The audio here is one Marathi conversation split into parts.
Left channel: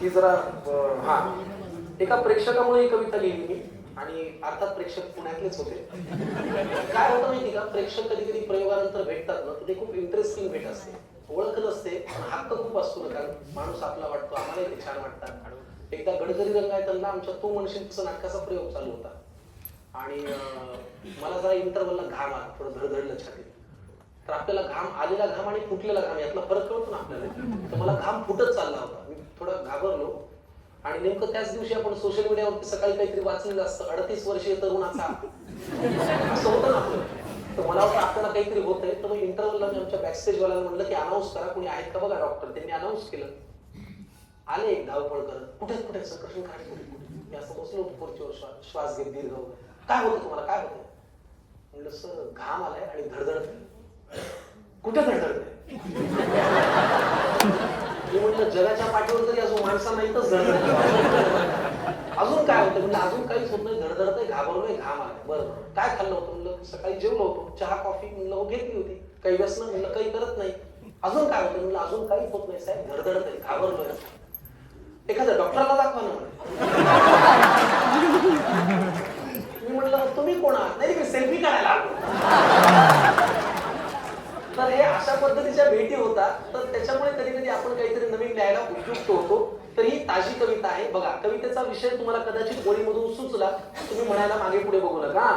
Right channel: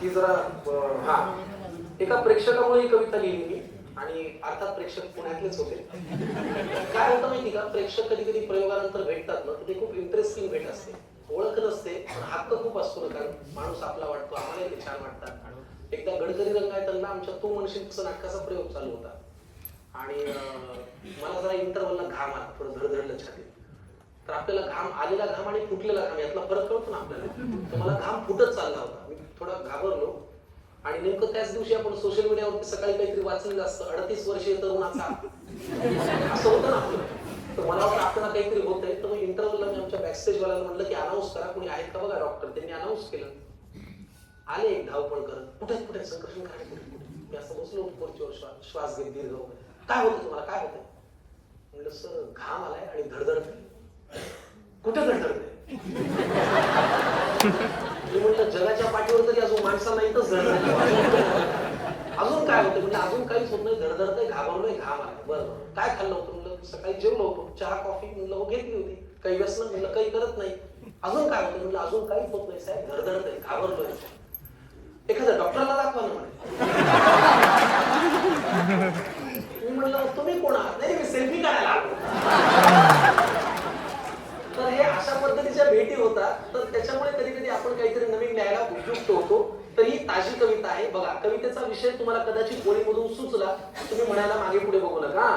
ही जरा हा एका प्रेक्षकामुळे ही कविता लिहिली मी आणि अर्थात प्रेक्षक पुण्यातलेच होते. काय होतं माहिती का, प्रेक्षक कधी कधी प्रयोगानंतर भेटतात ना, ते खूप इंटरेस्टिंग भेट असते. ओळख नसते, हक्क खूप असतो ना, कारण माणूस आपला वाटतो, आम्हाला ते छान वाटतात. एकदा गडकरी रंगायतला आमच्या तू म्हणशील तसं नाटकाचा प्रयोग चालू होता आणि मला जरा इंटरव्हलला घाम आला, थोडं धडधडलं छातीत. तर आपल्याला घाम आलेला घाम आणि फुटलेला घाम यातला फरक कळतो ना आपल्याला. तर मला घाम फुटत चालला होता, मी थोडा घाबरलो आणि नेमकं त्याच दिवशी आपण सोशल मीडियावरती सकाळी काहीतरी वाचलेलं असतं, 38 वर्षीय तरुणाचा असं होतं ना आपलं. तर मला वाटतं आपल्याला काहीतरी होतंय. तर मग इंटरव्हलला मी आमच्या बॅकस्टेज वाल्याला म्हटलं की अनाऊन्स करा, कोणी आहेत का बघा डॉक्टर. त्यांनी अनाऊन्स केलं. आले एक धावपळ करत, कुठे कुठे संकर्षण काय कुठे. मी असं बसलो खुर्चीवर, श्वास घेत दीर्घ. काय होतं तुम्हाला, काय होतं म्हणलं. सर घाम आलाय आणि धडधडतंय. कुठे धडधडतंय म्हणलं. जगाच्या पाठीवर तरी अजून माणसांना इथंच धडधड. अजून काय होतं म्हणजे अजून काहीच होत नाही, धडधडतंय, घाबरलोय, घाम आलाय. बरं काय खाल्लं होतं म्हणलं. सकाळी जेवलो होतो, चहा कॉफी म्हणलं घेतली होती. काही व्यसन म्हणलं काही करत नाही. अजून काय होतं म्हणलं. अजून काहीच होत नाही साहेब, धडधडतंय, घाबरलोय. एखाद्या डॉक्टरला दाखवा ना. मी म्हणलं तुम्ही कोण आहात. नाही मी सेल्फी काढायला आलो. तर हे अशा पद्धतीच्या भेटी होतात. तर त्याच्यामुळे कधी कधी आपण काहीतरी नवीन लिहायला उपयुक्त होतो. तर ही ताजी कविता आहे बघा. कवितेचा विषय तुम्हाला कदाचित गोळीमधून सुचला, तुम्ही म्हणायला मागे पुढे बघू नका.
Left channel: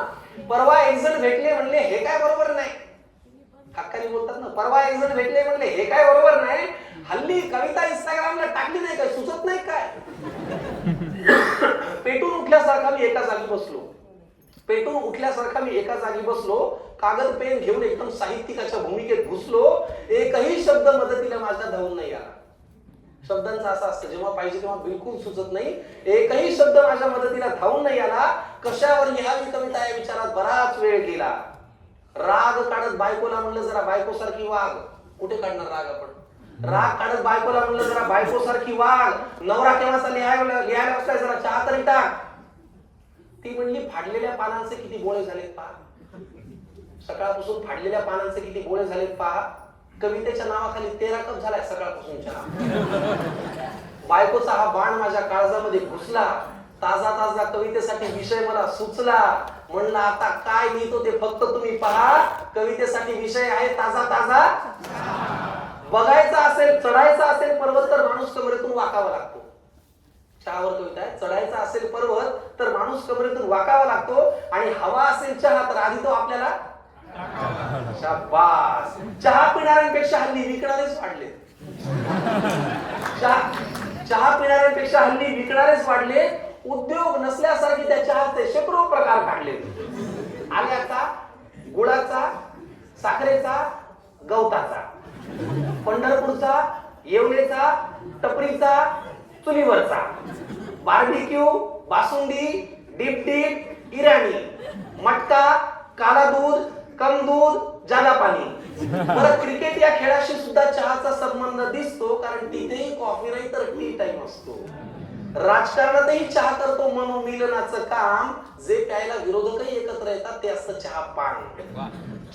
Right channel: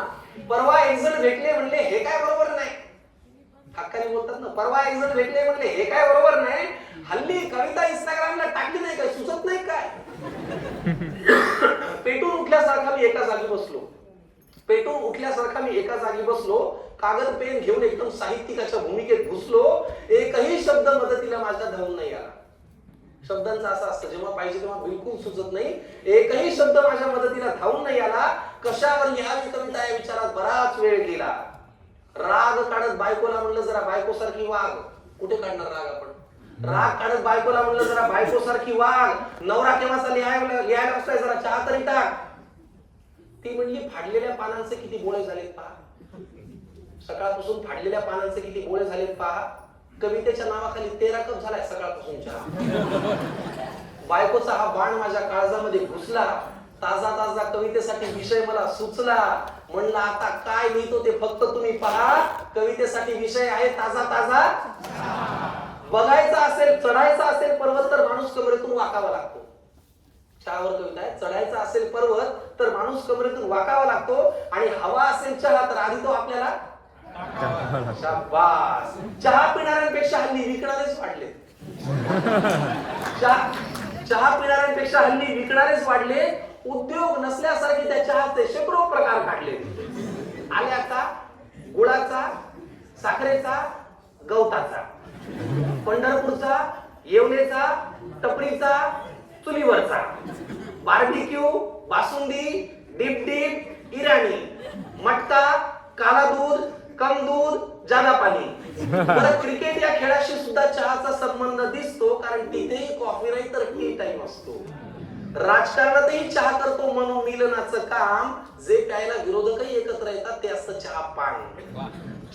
परवा एक जण भेटले म्हणले हे काय बरोबर नाही. हक्काने बोलतात ना. परवा एक जण भेटले म्हणले हे काय बरोबर नाही. हल्ली कविता इंस्टाग्रामला टाकली नाही काय, सुचत नाही काय. पेटून उठल्यासारखा मी एका जागी बसलो. पेटून उठल्यासारखा मी एका जागी बसलो. कागद पेन घेऊन एकदम साहित्यिकाच्या भूमिकेत घुसलो. एकही शब्द मदतीला माझ्या धावून नाही आला. शब्दांचं असं असतं, जेव्हा पाहिजे तेव्हा बिलकुल सुचत नाही. एकही शब्द माझ्या मदतीला धावून नाही आला. कशावर लिहावी कविता या विचारात बराच वेळ गेला. राग काढत बायकोला म्हणलं जरा बायकोसारखी वाग. कुठे काढणार राग आपण. राग काढत बायकोला म्हणलं जरा बायकोसारखी वाग. नवरा केव्हाचा लिहायला असलाय, जरा चहा तरी टाक. ती म्हणली फाडलेल्या पानांचे किती गोळे झालेत पहा. सकाळपासून फाडलेल्या पानांचे किती गोळे झालेत पहा. कवितेच्या नावाखाली 13 कप झालाय सकाळपासून चहा. बायकोचा हा बाण माझ्या काळजामध्ये घुसला. ताजा ताजा कवितेसाठी विषय मला सुचला. म्हणलं आता काय लिहितो ते फक्त तुम्ही पहा. कवितेसाठी विषय आहे ताजा ताजा. बघायचा असेल, चढायचा असेल पर्वत तर माणूस कमरेतून वाकावा लागतो. चहावर कविता आहे. चढायचा असेल पर्वत तर माणूस कमरेतून वाकावा लागतो. आणि हवा असेल चहा तर आधी तो आपल्याला शाबास. चहा पिणाऱ्यांपेक्षा हल्ली विकणारेच वाढले. चहा पिणाऱ्यांपेक्षा हल्ली विकणारेच वाढले. उद्योग नसल्यासारखे त्या चहाचे शेकडो प्रकार काढले. आल्याचा, गुळाचा, साखरेचा, गवताचा, पंढरपूरचा, येवलेचा, टपरीचा, चुलीवरचा, barbecue, basundi, dip dip, Irani, मटका, काला दूध, कम दूध, जादा पाणी. बरं क्रिकेट या खेळाशी सुद्धा चहाचा संबंध दिसतो, कारण तिथेही कॉफी नाही तर टी टाइम असतो. राजकारणातही चहा करतो मनोमिलनाचं काम. जे प्यायला विरोधकही एकत्र येतात ते असतं चहा पान.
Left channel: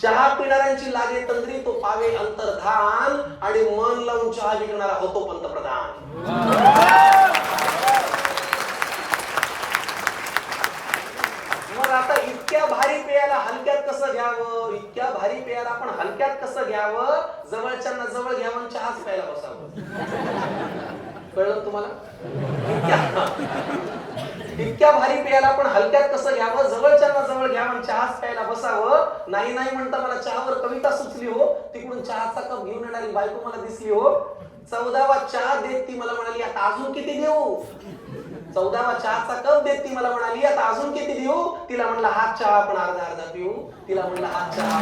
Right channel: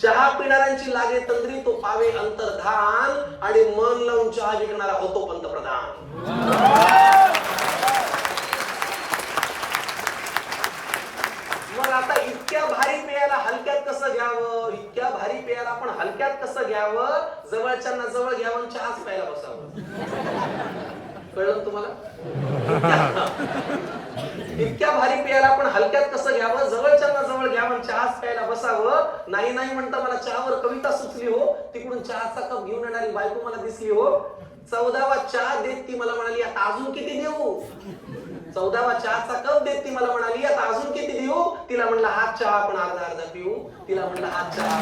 चहा पिणाऱ्यांची लागे तंद्री तो पावे अंतर्धान. आणि मन लावून चहा विकणारा होतो पंतप्रधान. मग आता इतक्या भारी पेयाला हलक्यात कसं घ्यावं. इतक्या भारी पेयाला आपण हलक्यात कसं घ्यावं. जवळच्यांना जवळ घ्यावं, चहाच प्यायला बसावं. कळलं तुम्हाला. इतक्या भारी पेयाला आपण हलक्यात कसं घ्यावं. जवळच्यांना जवळ घ्यावं, चहाच प्यायला बसावं. नाही नाही म्हणता मला चहावर कविता सुचली हो. तिकडून चहाचा कप घेऊन येणारी बायको मला दिसली हो. 14वा चहा देत ती मला म्हणाली आता अजून किती देऊ. 14वा चहाचा कप देत ती मला म्हणाली आता अजून किती देऊ. तिला म्हणलं हात चहा आपण अर्धा अर्धा पिऊ. तिला म्हणलं हात चहा